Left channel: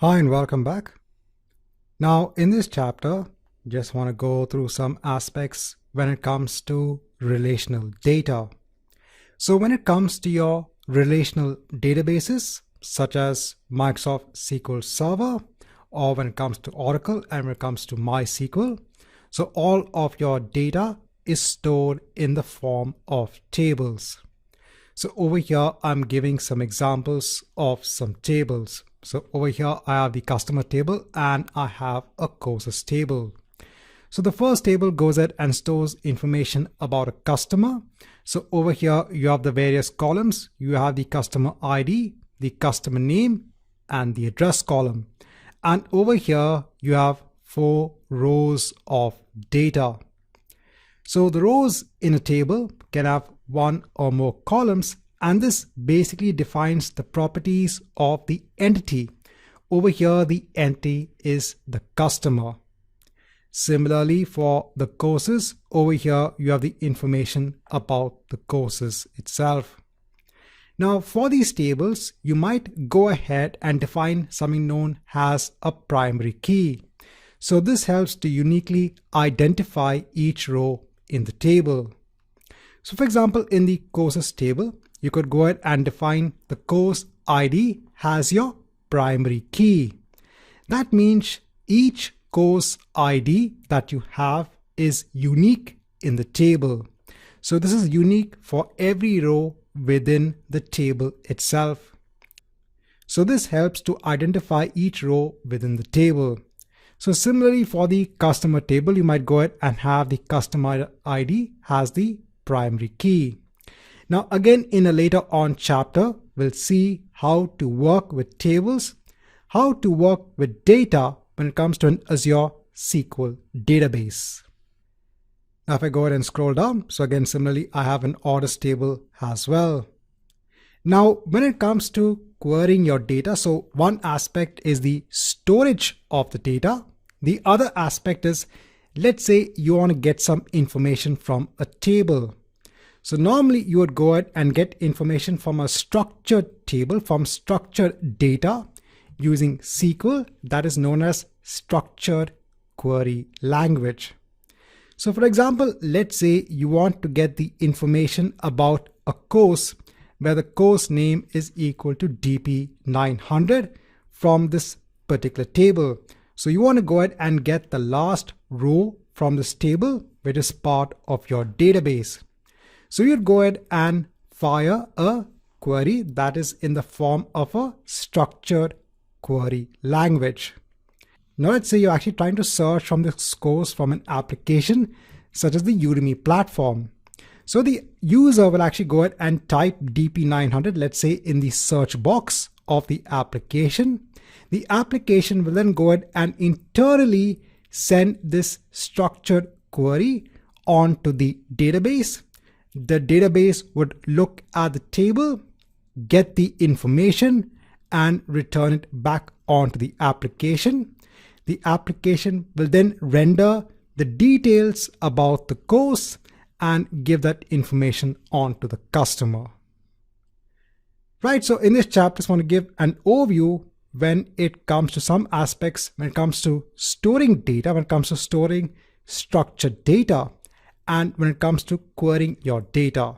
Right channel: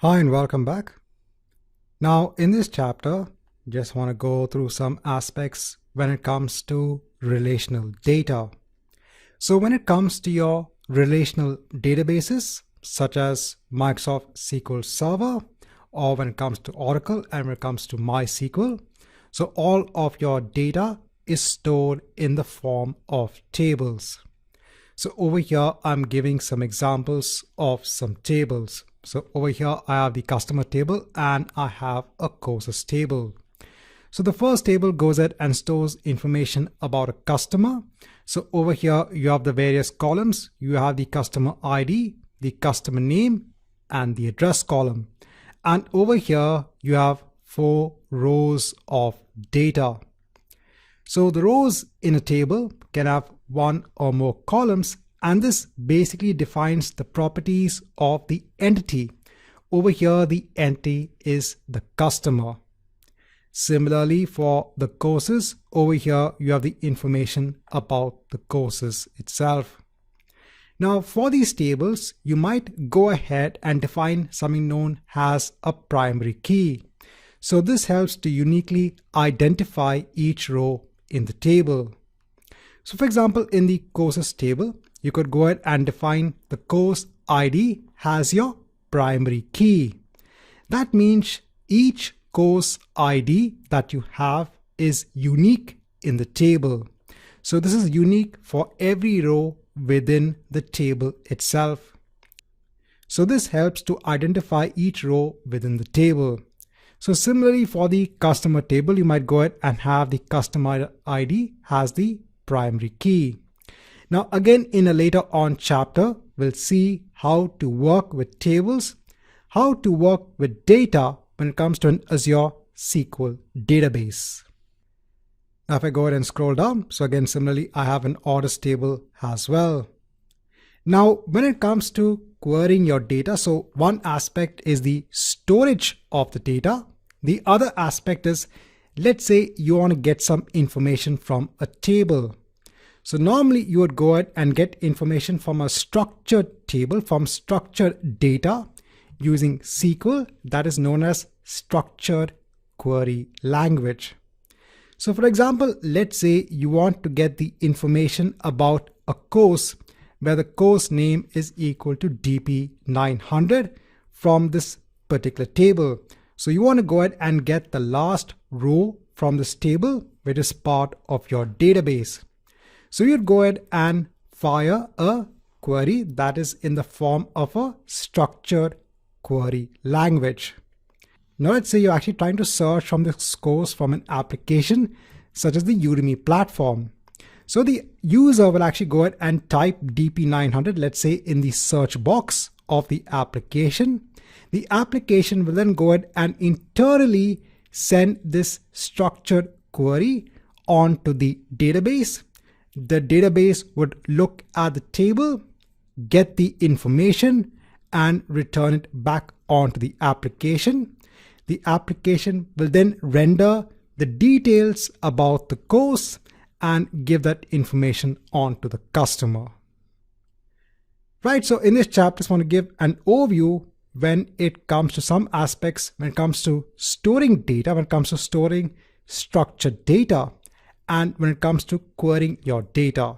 Hi and welcome back. Now in this chapter, just want to go through some aspects when it comes to relational data. So when it comes to your relational databases, such as Microsoft SQL Server, or when it comes to Oracle and when it comes to MySQL, so all of your data is stored in the form of tables. So over here, I'm giving some examples of some tables. So over here, I have the customer table and I have a courses table. So the first table goes ahead and stores information about a customer. So over here, you have the various columns. You have the customer ID, the customer name, and the address column. And over here, you have 4 rows of data. So the rows in a table can have 1 or more columns, and this basically defines the properties of the entity. Over here, the entity is the customer. Similarly, for the courses, over here you have the information about the courses itself. Now for these tables, you might go ahead and define something known as a primary key. So this helps to uniquely identify each row in the table. So for example, in the courses table, you could go ahead and define the course ID as your primary key. That means each course ID that you have is unique in the table. So this is unique for every row within the table itself. So this helps to identify each row within the table. So similarly for the customer table, you might go ahead and have the customer ID as the primary key. Now again, in a later on chapter, we'll see how to work with tables, how to work with data when it comes to an Azure SQL database. Now if I go ahead and scroll down, so again similarly I have an orders table as well. Now when it comes to querying your data, so one aspect is the storage of the data. The other aspect is, let's say you want to get some information from a table. So normally you would go ahead and get information from a structured table, from structured data using SQL, that is known as structured query language. So for example, let's say you want to get the information about a course where the course name is equal to DP-900 from this particular table. So you want to go ahead and get the last row from this table, which is part of your database. So you'd go ahead and fire a query that is in the form of a structured query language. Now let's say you're actually trying to search from this course from an application such as the Udemy platform. So the user will actually go ahead and type DP900, let's say in the search box of the application. The application will then go ahead and internally send this structured query onto the database. The database would look at the table, get the information, and return it back onto the application. The application will then render the details about the course and give that information on to the customer. Right, so in this chapter, I just want to give an overview when it comes to some aspects, when it comes to storing data, when it comes to storing structured data, and when it comes to querying your data.